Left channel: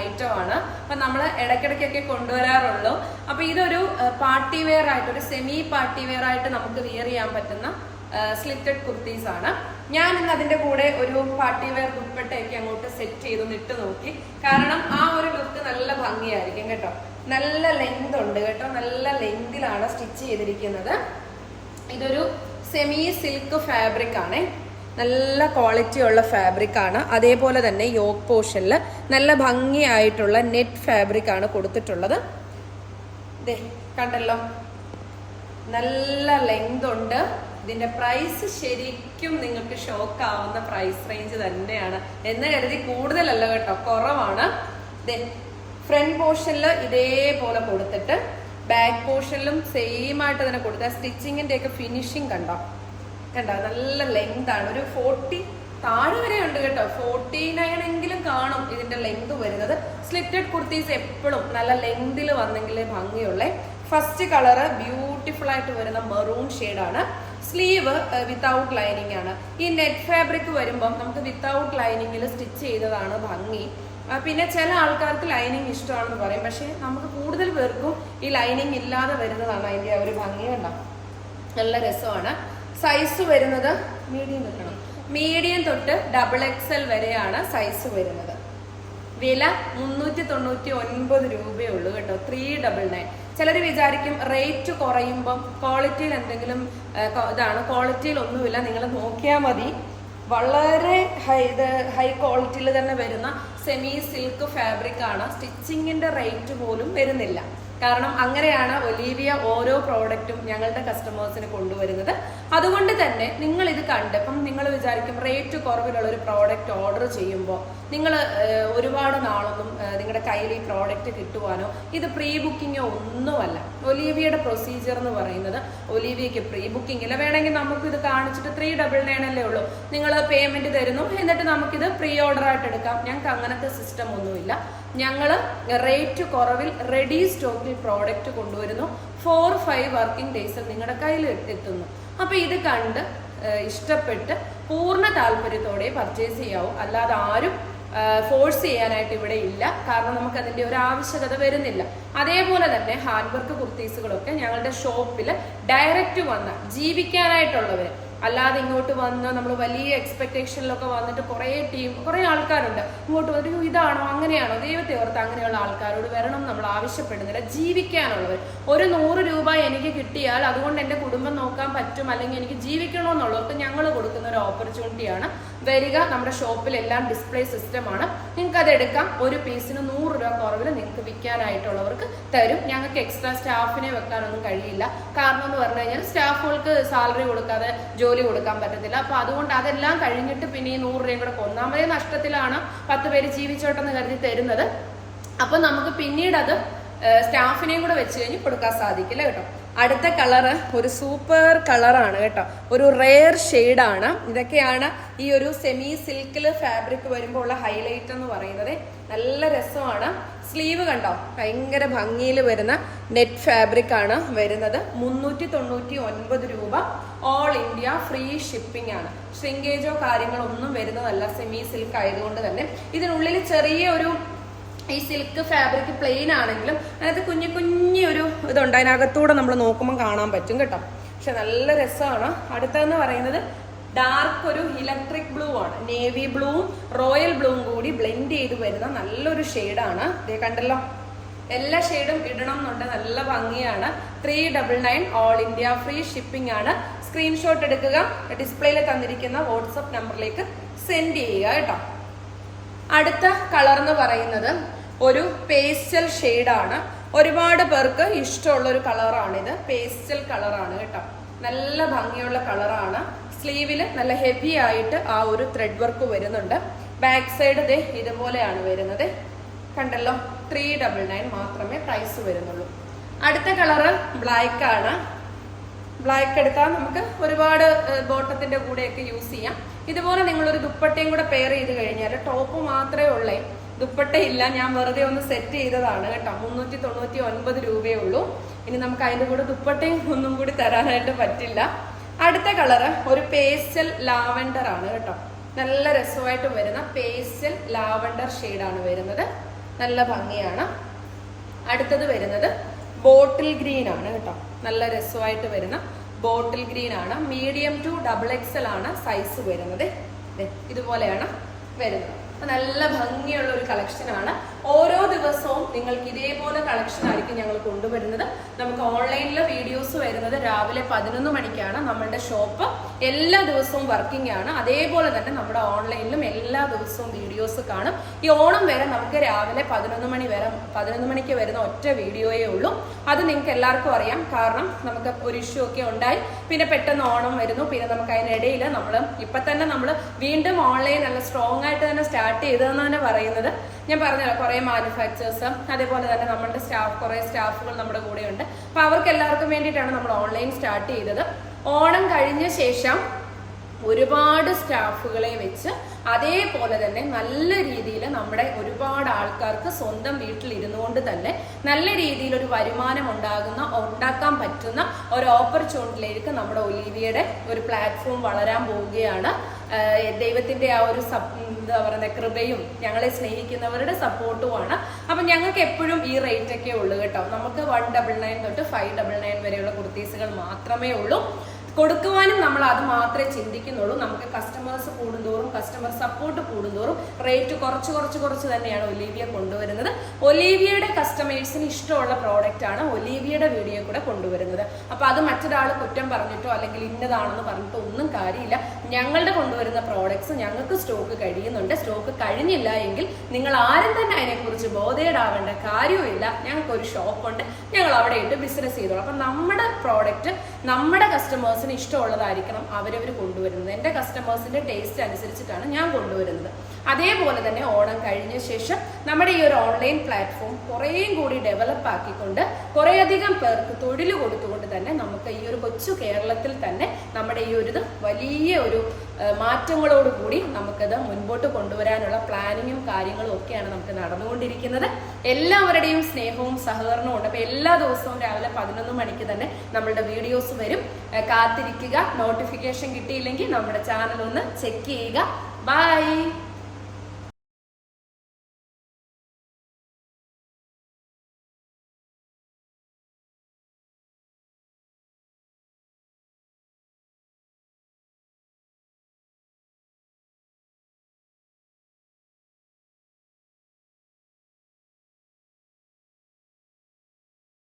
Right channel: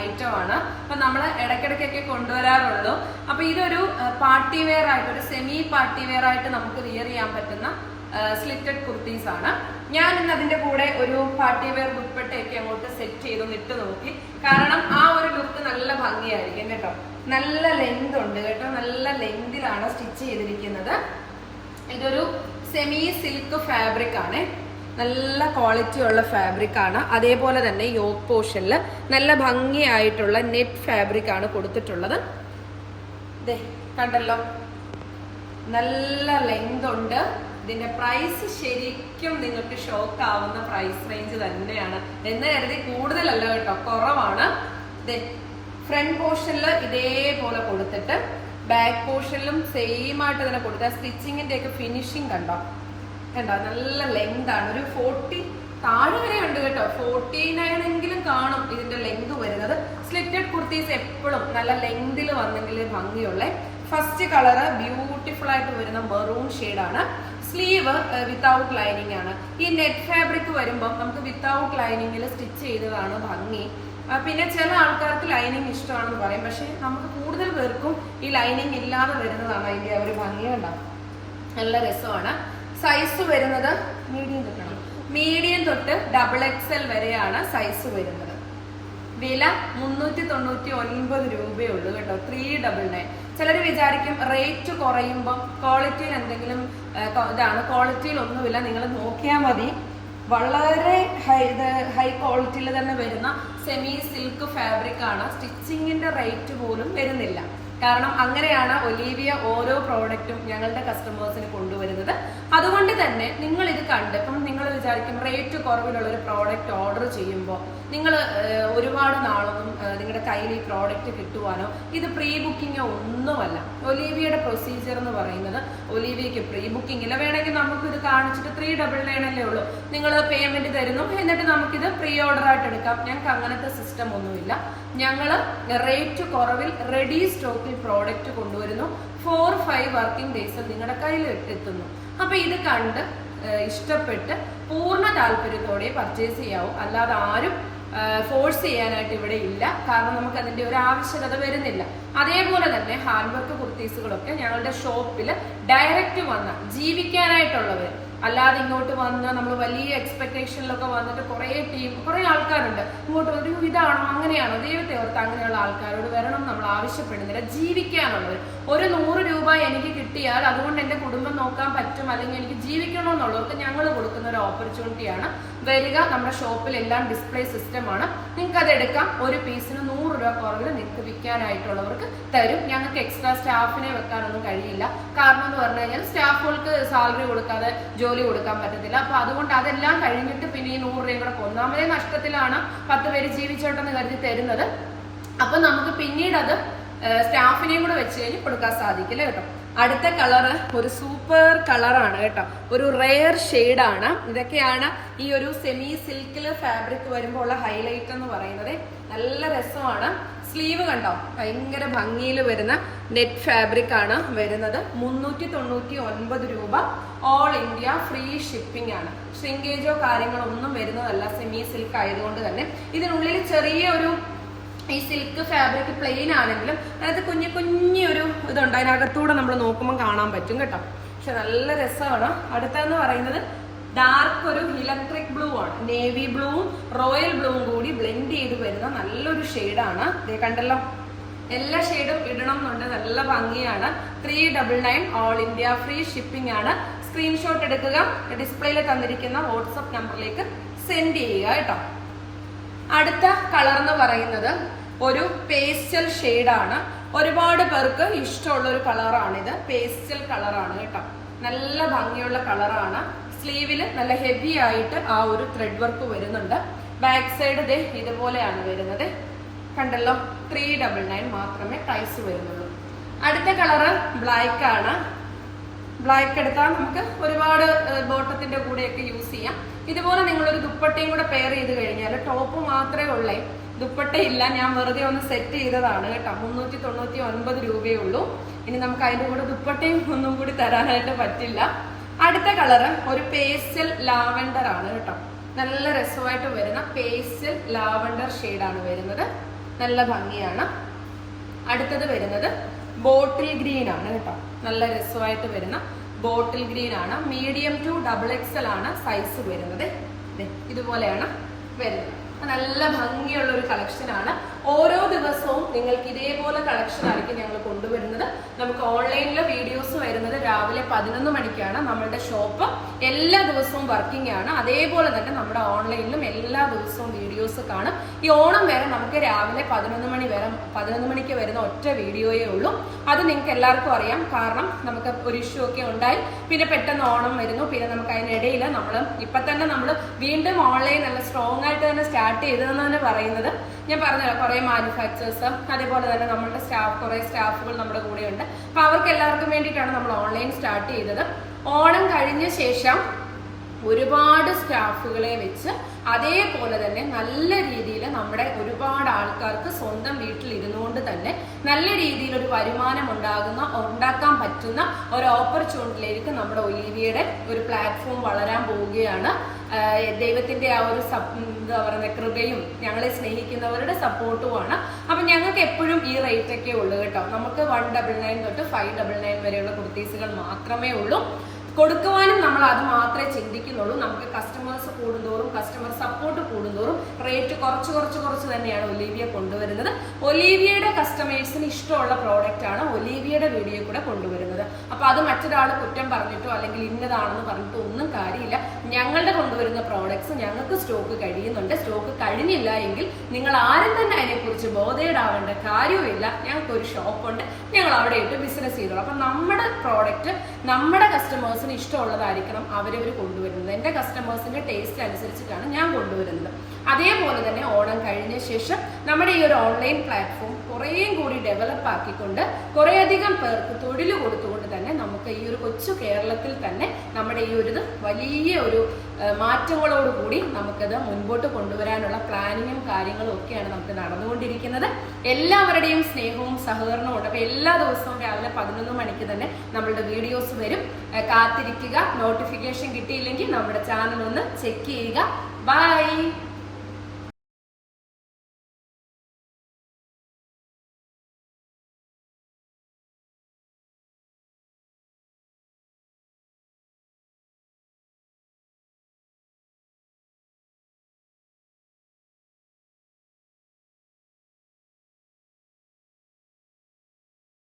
ഒരു ഐറ്റം ആണ് അപ്പൊ നമ്മൾ ഇടയ്ക്കിടയ്ക്കൊക്കെ കൊണ്ടുവരാറുള്ളൂ അപ്പൊ ഇതൊരു പാർട്ടി വെയർ ആയിട്ട് ഒരു സെമി പാർട്ടി വെയർ ആയിട്ട് നമുക്ക് വിയർ ചെയ്യാൻ പറ്റുന്ന സ്ലിറ്റഡ് കുർത്തീസ് ആണ്. ഞാൻ ഇന്ന് അതിന്റെ കൂടെ ഒരു പാർട്ടി വെയർ ദുപ്പട്ടയൊക്കെ അങ്ങോട്ട് സെറ്റ് ചെയ്ത് നിട്ട് നോക്കി. കാരണം ആ ഒരു ലുക്ക് നല്ല ഭംഗിയായിരിക്കും കേട്ടോ. നല്ല ലെങ്ത് ഉണ്ട് കേട്ടോ. നല്ല ലെങ്തിലാണ് സ്റ്റിച്ച് ചെയ്തിരിക്കുന്നത്. ഇതൊരു സെമി സിൽക്ക് ഫാബ്രിക് ആണ്. നല്ല ക്വാളിറ്റി ഉള്ള ഫാബ്രിക് ആണ്. അതേപോലെ തന്നെ യോഗ് പോർഷനിൽ നല്ല ഭംഗിയായിട്ടുള്ള നെറ്റ് ഫാബ്രിക് ആണ് കൊടുത്തിട്ടുള്ളത്. കണ്ടല്ലോ? നല്ല ലെങ്ത് ഉണ്ട്. ഇതിന്റെ പ്രൈസ് ശരിക്കും നിങ്ങൾക്ക് ഷോക്ക് ആവുന്ന പ്രൈസ് റേഞ്ച് തന്നെയാണ്. എന്ന് കരുതി കൂടുതലല്ല കേട്ടോ കുറവാണ്. ഫ്രണ്ട് പോർഷനിൽ ഇതേപോലെ കൊടുത്തിട്ട് ബാക്ക് പോർഷനിലും സെയിം ആയിട്ട് തന്നെ കൊടുത്ത സ്റ്റിച്ചിങ്ങിന്റെ ഒക്കെ ഫിനിഷിങ് കണ്ടോ? കണ്ടോ? നല്ല ലെങ്ത് ആണ്. ഒരു ഫോർട്ടി താഴെ വരെ ഉണ്ട് കേട്ടോ. ഫോർട്ടി നയൻ എങ്കിലും കാണും ഇതിന്റെ ലെങ്ത് വരുന്നത്. സ്ലിറ്റഡ് കുർത്തീസ് എപ്പോഴും നല്ല ലെങ്തിൽ വന്നെങ്കിലേ ഭംഗിയുള്ളേ. ഫസ്റ്റ് കളറ് ബ്യൂട്ടിഫുൾ ആയിട്ട് വരുന്ന മെറൂൺ ആണ്. സ്ലീവ് വിത്തൗട്ട് ലൈനിങ് ആണ്. ഈ നെറ്റ് ഫാബ്രിക് വരുമ്പം നമുക്ക് വിത്തൗട്ട് ലൈനിങ്ങിൽ സ്റ്റിച്ച് ചെയ്തതാണ് ഭംഗി. പിന്നെ ചില ആൾക്കാർക്ക് ലൈനിങ് ഇഷ്ടമാണെന്ന് പറയും. പക്ഷെ നമുക്ക് കൂടുതൽ പേർക്കും ഈ ലൈനിങ് ഇല്ലാതെ വരുന്നതാണ് അതിന്റെ ഒരു ഭംഗിയുണ്ടാവും നല്ല രസമാണ്. സൈസ് വരുന്നത് മീഡിയം കിട്ടണം മീഡിയം തൊട്ട് ഡബിൾ എക്സൽ വരെയാണ് സൈസ് വരുന്നത്. വില മുന്നൂറ്റി തൊണ്ണൂറ്റി ഒൻപത് രൂപയേ ഉള്ളൂ കേട്ടോ. ത്രീ ഡബിൾ നയൻ ചിലർ വിചാരിക്കും റേറ്റ് കുറയുമ്പം ക്വാളിറ്റിയിൽ എന്തെങ്കിലും ഇതാണ് ക്വാളിറ്റിയിൽ ഒന്നുമില്ല. നിങ്ങൾ നോക്കിയാൽ മതി. വളരെ ഹൈ ഇത് ഹൈ ക്വാളിറ്റിയിൽ തന്നെ വരുന്ന സെമി സിൽക്ക് ഫാബ്രിക് ആണ്. സ്റ്റിച്ചിങ്ങിന്റെ റേറ്റ് പോലും വരുന്നില്ല. കാരണം അങ്ങനെയാണ് ഒലീവിയ ഓരോ പ്രോഡക്റ്റും ഞങ്ങളുടെ കസ്റ്റമേഴ്സിന് കൊണ്ടുവരുന്നത്. അതുകൊണ്ട് തന്നെ നിങ്ങൾ ഇത് കണ്ട് ഇപ്പം നിങ്ങൾ വിചാരിക്കും റേറ്റ് കുറവിലുള്ള ഒരു പ്രോഡക്റ്റ് ഓർഡർ ചെയ്യുമ്പോൾ നിങ്ങൾ ഒരുപാട് നാളൊന്നും നിങ്ങളുടെ കയ്യിൽ ഈ പ്രോഡക്റ്റ് കിട്ടുവാനോ ഇത് പ്രീ ബുക്കിങ്ങോ ഒന്നുമല്ല ഒലീവിയയുടെ പ്രൊസീജിയർ എന്ന് പറയുന്നത് ഒലീവിയയ്ക്ക് പ്രീ ബുക്കിംഗ് ഇല്ല. വേണമെങ്കിൽ നമുക്ക് ഇത് കാണിച്ചിട്ട് ത്രീ ഡബിൾ നയൻ അല്ലേ ഉള്ളൂ. നിങ്ങൾ പേയ്മെന്റ് തരുന്നു എന്നിട്ട് നമുക്കിത് പ്രീ ഓർഡർ ആയിട്ട് എടുക്കാം. ഞങ്ങൾക്ക് അങ്ങനത്തെ സിസ്റ്റം ഒന്നുമില്ല. ഞങ്ങൾ റേറ്റ് കുറവിൽ റെഡി സ്റ്റോക്കിൽ പ്രോഡക്റ്റ് കൊണ്ടുവരുന്നു. ഫോർ ഫൈവ് വർക്കിംഗ് ഡേയ്സ് നിങ്ങളുടെ കയ്യിൽ എത്തുന്നു. അപ്പൊ ഇത് കണ്ട് ഇഷ്ടപ്പെട്ട് പൂർണ താല്പര്യത്തോടെ പർച്ചേസ് ചെയ്യാവും. അല്ലാതെ ആരും ഫോഴ്സ് ചെയ്യാനായിട്ട് ഇവിടെ ഇല്ല. കാരണം നമുക്ക് അതിന്റെ ഒരു ആവശ്യകത വരുന്നില്ല. അതേപോലെ തന്നെ ഹാൻഡ് വർക്ക് കുർത്തീസുകളൊക്കെ ഞങ്ങളുടെ ഷോപ്പിൽ ഡയറക്റ്റ് വന്ന ജീവിക്കാനായിട്ടുള്ളവർ അല്ലാതെ ഇങ്ങോട്ട് വന്ന് നമ്മൾ വലിയ എക്സ്പെക്ടേഷനിലൊക്കെ വന്നിട്ട് കുറേ ടീം കുറേ ആൾക്കാരുണ്ട്. ഇങ്ങോട്ട് വന്നിട്ട് ഇതാണോ? അങ്ങനെയാണോ? ദൈവത്തെ ഓർത്ത് അങ്ങനെയുള്ള ആൾക്കാരോട് വരണം നമ്മൾ ആവശ്യപ്പെടുന്നില്ല. ജീവിക്കാനുള്ളവർ ഒരു നൂറ് രൂപ എനിക്ക് കിട്ടിയാൽ അതുകൊണ്ട് എന്റെ കുടുംബം നോക്കാൻ പറ്റും അല്ലെങ്കിൽ എനിക്ക് ജീവിക്കണമെന്നുള്ളവർക്ക് ഞങ്ങൾ കൊടുക്കുന്ന ഒരു ഓപ്പർച്യൂണിറ്റിയാണ് വരിക നമ്മുടെ ഷോപ്പിൽ എല്ലാം ഡിസ്പ്ലേ സിസ്റ്റമാണ് നിങ്ങൾക്ക് അത് എടുക്കാം. ഒരു പീസിന് നൂറ് രൂപ കുറവിൽ നിങ്ങൾക്ക് വിൽക്കാനായിട്ടുള്ളവർക്ക് തരും. ഞങ്ങൾക്ക് എക്സ്ട്രാ സ്റ്റാഫിനെ വെക്കാനൊന്നും കഴിയില്ല. കാരണം എന്ന് പറഞ്ഞു കഴിഞ്ഞാൽ സ്റ്റാഫുകൾക്ക് സാലറി കൊടുക്കാതെ കൊടുക്കാൻ പറ്റത്തില്ല. അപ്പൊ അതുകൊണ്ട് അതെല്ലാം കഴിഞ്ഞിട്ട് പിന്നെ ഈ നൂറ് രൂപയും കൂടെ ഒന്നാമതേ നഷ്ടത്തിലാണ് പത്ത് പേര് ജീവിച്ചോട്ടെന്ന് കരുതി തരുന്നത്. അപ്പൊ നമുക്ക് പിന്നീട് അത് സ്റ്റാഫിനെയും കൂടെ വെച്ച് കഴിഞ്ഞ് കൊടുക്കാൻ സാധിക്കില്ല കേട്ടോ? അടുത്ത കളറ് ഒരു സൂപ്പർ കളറാണ് കേട്ടോ. ഒരു റെയർ ആണ്. ഇതൊക്കെയാണ് ഈ ഒരു സെമി സിൽക്കിൽ ഫാബ്രിക് വരുമ്പോൾ ഉള്ള ഹൈലൈറ്റ് എന്ന് പറയുന്നത്. നല്ല രസമാണ്. സ്ലീവ് കണ്ടോ? ഭയങ്കര ഭംഗിയിൽ വരുന്ന നെറ്റ് ഫാബ്രിക് ആണ് വരുന്നത്. മുന്നൂറ്റി തൊണ്ണൂറ്റി ഒൻപത് രൂപ. ഓൾ ഇന്ത്യ ഫ്രീ ഷിപ്പിംഗ് ആണ്. ഷ്രിങ്കേജോ കാര്യങ്ങളോ ഒന്നും വരുന്നതല്ല സെമി സിൽക്ക് ആയതുകൊണ്ട് തന്നെ. ഇതിനുള്ളിൽ ചെറിയ ഒരു ഈ സിൽക്ക് ഫാബ്രിക് പ്ലെയിൻ ആണെങ്കിലും അതിനകത്ത് കുഞ്ഞു കുഞ്ഞു ഒരു ഇതുണ്ട്. അതിനകത്തൂടെ നമ്മൾ നോക്കുമ്പോൾ കാണാൻ പറ്റും കേട്ടോ. പക്ഷെ നല്ല രസമാണ്. അടുത്തതെന്ന് പറയുന്നത് ഡാർക്ക് ഒരു ഇലക്ട്രിക് ബ്ലൂ ആണ്. നേവി ബ്ലൂവും റോയൽ ബ്ലൂവും കൂടി ബ്ലെൻഡ് ചെയ്ത് വരുന്ന നല്ലൊരു ഷെയ്ഡാണ് ഇതേ കണ്ടല്ലോ. എല്ലാ ഷെയ്ഡും ഇടണം എന്നുണ്ട്. നല്ല ഭംഗിയാണ്. Three double nine all India free shipping ആണ്. സ്ക്രീൻഷോട്ട് എടുക്കുക. ഡിസ്പ്ലേയിൽ തന്നിരിക്കുന്ന വാട്സപ്പ് നമ്പറിലേക്ക് സെൻഡ് ചെയ്യുക കേട്ടോ. അടുത്ത കളർ എന്ന് പറയുന്നത് ഒരു പേസ്റ്റൽ ആണ്. ഒരുപാട് പേർക്ക് ഇഷ്ടമുള്ള ഒരു കളറാണിത്. പേസ്റ്റൽ കളറാണ് കേട്ടോ. നല്ല ഭംഗിയുള്ള കളറാണ്. സ്ലീവിൽ നല്ല ഹെവി ആയിട്ട് ആ ഒരു ത്രെഡ് വർക്ക് വരുന്നുണ്ട്. ബാക്ക് സൈഡ് ദേ ഇതുപോലെയാണ് വരുന്നത്. കണ്ടല്ലോ? ത്രീ ഡബിൾ നയൻ മാത്രമേ പ്രൈസ് വരുന്നുള്ളൂ. അടുത്ത കളറ് ബ്ലാക്ക് ആണ്. ബ്ലാക്ക് എടുത്താൽ നമുക്ക് ഒരുപാട് ബോട്ടത്തിന്റെ കൂടെയൊക്കെ യൂസ് ചെയ്യാം. ഇതുപോലെ നിങ്ങളൊരു ദുപ്പട്ടയും കൂടെ പെയർ ചെയ്ത് കഴിഞ്ഞാൽ ടോപ്പ് മാത്രമേ ഉള്ളേ. ദുപ്പട്ടയില്ല ഞാൻ വെറുതെ ഒന്ന് സെറ്റ് ചെയ്തതാണ് കേട്ടോ. മുന്നൂറ്റി തൊണ്ണൂറ്റി ഒൻപത് രൂപയേ ഉള്ളൂ. ഇനി നമുക്ക് അതിന്റെ കൂടെ ദുപ്പട്ടയും ഒന്നും കൂടി തരാനായിട്ട് പറ്റില്ല. അടുത്ത കളറ് ഒരു പേസ്റ്റൽ ലാവൻഡർ ആണ് കേട്ടോ. നല്ല രസമായിട്ട് വരുന്ന പേസ്റ്റൽ ലാവൻഡർ ആണ് വരുന്നത്. നല്ല ഭംഗിയാണ്. അടുത്തത് വരുന്നത് ബോട്ടിൽ ഗ്രീൻ ആണ് കേട്ടോ. നല്ല രസമായിട്ട് വരുന്ന ബോട്ടിൽ ഗ്രീൻ ആണ്. മീഡിയം ടു ഡബിൾ എക്സൽ ആണ് സൈസ് വരുന്നത്. ഇതുപോലെയാണ് വരുന്നത്. നല്ല ഭംഗിയുള്ള ഒരു കളക്ഷനാണ് ഓരോ ദിവസവും നിങ്ങൾക്ക് ഇതേപോലെ കളക്ഷൻ ആയിരിക്കും ഞങ്ങൾ കൊണ്ടുവരുന്നത്. നമുക്ക് ഓൺലൈനിലെ വീഡിയോസ് വരുന്നത് രാവിലെ പതിനൊന്ന് മണിക്കാണ്. നമ്മളുടെ ഷോപ്പ് എല്ലാ ദിവസവും വർക്കിംഗ് ആണ്. അതേപോലെ തന്നെ നമ്മുടെ ഓൺലൈനിലും എല്ലാ ദിവസവും വീഡിയോസ് കാണും. ഈ ഓണം വരെ നമുക്ക് രാവിലെ പതിനൊന്ന് മണി വരെ പതിനൊന്ന് മണിക്ക് വരുന്ന ഒറ്റ വീഡിയോയേ ഉള്ളൂ. അത് നിങ്ങൾക്ക് എല്ലാവർക്കും അറിയാം. കാരണം നമുക്ക് ഒരു ഇഷ്യൂ ഒക്കെ ഉണ്ടായി. പിന്നെ പെട്ടെന്ന് ഓണം വരുന്നു. പിന്നെ നമുക്ക് അതിനിടയിൽ നമ്മൾ ഇപ്പൊ തന്നെ നമ്മൾ വീണ്ടും ഓൺലൈൻ നല്ല സ്ട്രോങ് ആയിട്ട് തന്നെ സ്റ്റാർട്ട് ചെയ്തതെന്ന് തന്നെ പറയുന്നത്. ഞാൻ പറഞ്ഞ കുറെ മാനുഫാക്ചേഴ്സ് അതേപോലെ തന്നെ നമ്മളുടെ സ്റ്റാഫ് കുറേ സ്റ്റാഫുകൾ നമ്മുടെ കൂടെയുണ്ട്. അപ്പൊ അവർക്ക് എല്ലാവർക്കും വേണ്ടിയിട്ടാണ് നമ്മൾ ഓൺലൈൻ സ്റ്റാർട്ട് ചെയ്തത്. ഓണം കഴിഞ്ഞ ശേഷം ഒരുപാട് സ്റ്റാഫുകളെ വെച്ച് അതേപോലെ തന്നെ നല്ല രീതിയിൽ നമ്മുടെ ഒരുപാട് ആൾക്കാർക്ക് സ്വന്തം വീട്ടിൽ ഇരുന്നുകൊണ്ട് തന്നെ നല്ല രീതിയിൽ ഒരു വരുമാനം ഉണ്ടാകുന്ന ഉണ്ടാക്കാൻ പറ്റുന്ന ഒരു ഓപ്പർച്യൂണിറ്റിയിലേക്ക് നമ്മുടെ ഒലീവിയുടെ ഒരു പ്ലാറ്റ്ഫോം വളരാൻ പോവുകയാണ്. ദൈവത്തിന്റെ ആ ഒരു എന്താ പറയുക കൃപയും ഞങ്ങളെ സ്നേഹിക്കുന്നവരുടെ സപ്പോർട്ടുമാണ് അപ്പൊ ഞങ്ങൾക്ക് എപ്പോഴും ഈ റേറ്റ് ഒക്കെ ഉള്ളൂ കേട്ടോ. നമുക്ക് വൺ ഡബിൾ നയൻ തൊട്ട് ഫൈവ് ഡബിൾ നയൻ വരെയുള്ള കുർത്തീസുകൾ മാത്രമേ ഉള്ളൂ. കൊടുക്കുവാനും നമ്മൾ അത് മാത്രമേ ചിന്തിക്കുന്നുള്ളൂ. നമുക്ക് കസ്റ്റമേഴ്സ് കസ്റ്റമർ സപ്പോർട്ട് കൂടുന്തോറും റേറ്റ് കുറച്ച് കുറച്ച് കുറച്ച് തന്നെയാണ് ഒലീവിയ കൊണ്ടുവരുന്നത്. ഒലീവിയയുടെ കസ്റ്റമേഴ്സിന് ഇഷ്ടമുള്ള പ്രോഡക്റ്റ് ആണ് ഒലീവിയയുടെ വീഡിയോ കൂടെ കൊണ്ടുവരുന്നത്. അപ്പൊ അത് മറ്റൊരാൾ കുറ്റം പറഞ്ഞിട്ടോ അല്ലെങ്കിൽ ഇന്നതാണെന്ന് പറഞ്ഞിട്ടോ ഒന്നും കാര്യമില്ല. ഞങ്ങളുടെ കൊണ്ടുവരുന്ന പ്രോഡക്ട്സ് ഞങ്ങൾക്ക് സ്റ്റോക്ക് കഴിയുന്നുണ്ട്. സ്റ്റോക്ക് കഴിഞ്ഞില്ല എങ്കിൽ നിങ്ങൾ ആരും തന്നെ അതിനെക്കുറിച്ച് ബോധേടാവേണ്ട കാര്യവുമില്ല. ഞങ്ങൾക്ക് ഒരു ഷോപ്പുണ്ട് ഞങ്ങൾ അവിടെ ഇട്ട് ബിസിനസ് ചെയ്തോളാം. അപ്പൊ നമ്മുടെ പ്രോഡക്റ്റ് നമ്മുടെ കസ്റ്റമേഴ്സിന് ഇഷ്ടമുള്ളതായിരിക്കണം അവരവർ കൊണ്ടുവരുന്നത്. എന്റെ കസ്റ്റമേഴ്സിന്റെ ടേസ്റ്റ് അനുസരിച്ചിട്ടാണ് ഞാൻ കൊണ്ടുവരുന്നത്. അതേപോലെ തന്നെ ഓണം കഴിഞ്ഞ ശേഷം നമ്മുടെ ഈ ഒരു ഓൺലൈൻ പ്ലാറ്റ്ഫോം കുറേയും കൂടി ഡെവലപ്പ് ആക്കിക്കൊണ്ട് കുറേയധികം പേർക്ക് തൊഴിൽ കൊടുത്തുകൊണ്ട് തന്നെ നമുക്ക് ഈ ഒരു കൊച്ചു കേരളത്തിൽ തന്നെ നമ്മുടെ ഈ ഒരു വലിയ ഒരു മാറ്റങ്ങളോടുകൂടി നമുക്കത് മുൻപോട്ട് കൊണ്ടുവരാനുള്ള പ്ലാനിങ്ങും കാര്യങ്ങളും ഒക്കെയാണ് നമുക്ക് നടന്നുകൊണ്ടിരിക്കുന്നത്. എല്ലാവരുടെയും സ്നേഹവും സഹകരണവും ഉണ്ട്. അപ്പോൾ എല്ലാ ദിവസവും രാവിലെ പതിനൊന്ന് മണിക്ക് തന്നെ നമ്മളുടെ വീഡിയോസ് വരും. കാത്തിരിക്കുക. നോട്ടിഫിക്കേഷൻ കിട്ടിയില്ലെങ്കിൽ നമ്മുടെ ചാനൽ ഒന്ന് ചെക്ക് ചെയ്യുക. ബൈ